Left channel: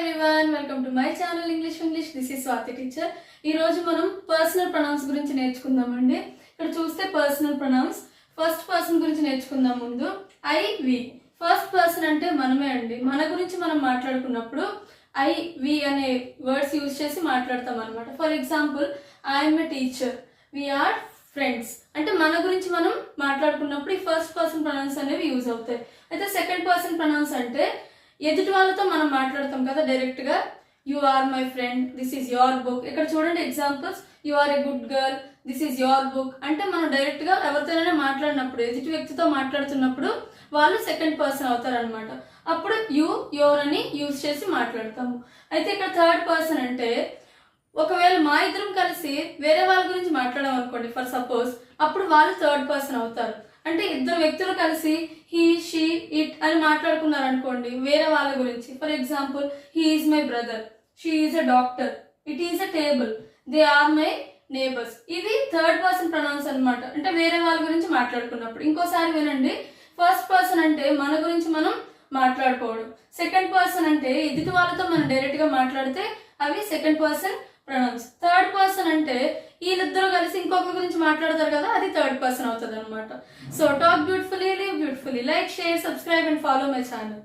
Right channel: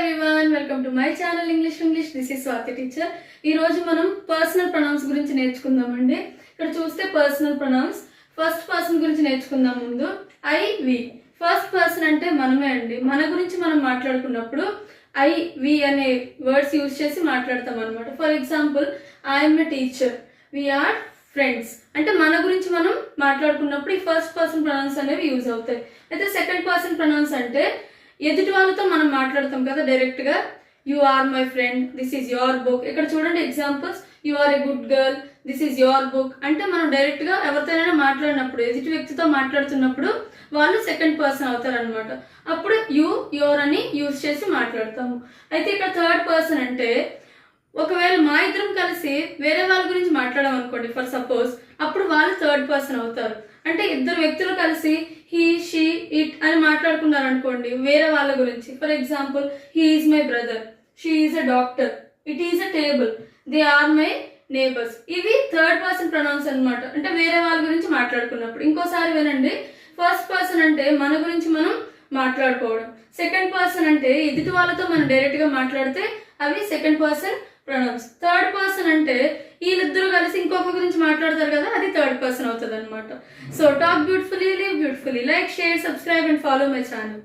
Everyone, welcome to my channel English. This is Swathi teacher. ఈ రోజు మనం పర్సనల్ ప్రొనౌన్స్ గురించి నేర్చుకుందామండి. ఇక్కడ చూస్తే పర్సనల్ ప్రొనౌన్స్ ఫస్ట్ పర్సన్ గురించి నేర్చుకుందాం. ముందు ఐ వి. ఫస్ట్ పర్సన్ అంటే మనమే అండి. మన గురించి మనం మాట్లాడుకున్నప్పుడు ఐ వి అనే వర్డ్స్ యూజ్ చేసి మాట్లాడతాం అనమాట. For example, I'm a teacher, we are friends. అంటే మన గురించి మనం మాట్లాడుకున్నప్పుడు ఈ ఫస్ట్ పర్సన్ ప్రొనౌన్స్ అనేవి యూజ్ అవుతాయి. అయితే సెకండ్ పర్సన్ ప్రొనౌన్స్ అంటే ఎదుటి వాళ్ళతో మనం మాట్లాడతాం కదా డైరెక్ట్ గా. You are my friend, this is your book. ఇక్కడ చూడండి examples. You are a good girl, this is your book. అంటే మనం డైరెక్ట్ గా ఎవరితోనైనా మాట్లాడినప్పుడు, ఎదుటి వ్యక్తితో మాట్లాడుతున్నప్పుడు వాళ్ళు సెకండ్ పర్సన్ అవుతారనమాట. అప్పుడు యు, యువర్ అని యూజ్ చేసి మాట్లాడతాము. అయితే ఇక్కడ థర్డ్ పర్సన్ అంటే ఒకవేళ మా ఇద్దరం కలిసి వేరే వాళ్ళ గురించి మాట్లాడాం అనుకోండి, ఫర్ సపోజ్, అప్పుడు వాళ్ళు థర్డ్ పర్సన్ అవుతారు. అంటే ఇద్దరు వ్యక్తులు కలిసి హీ, షీ, ఇట్ అని మాట్లాడుకున్నారు అనుకోండి వేరే వాళ్ళ గురించి. For example, he is my brother, she is a doctor, it is a table, they are my neighbours. ఇవి థర్డ్ పర్సన్ ప్రొనౌన్స్ అనమాట. అంటే వేరే వాళ్ళ గురించి మాట్లాడుకున్నప్పుడు. ఇంకోసారి వినండి. ఫస్ట్ పర్సన్ అంటే మన గురించి మనం మాట్లాడుకోవడం. సెకండ్ పర్సన్ అంటే ఎదుటి వాళ్ళతో మనం డైరెక్ట్ గా మాట్లాడితే అవి second person pronouns. Third person అంటే వీళ్ళిద్దరూ కలిసి ఇంకొకరి గురించి మాట్లాడతారు కదా, అది థర్డ్ పర్సన్ అవుతుంది అనమాట. So talk beautifully, live beautifully. Like, share, subscribe and follow my channel.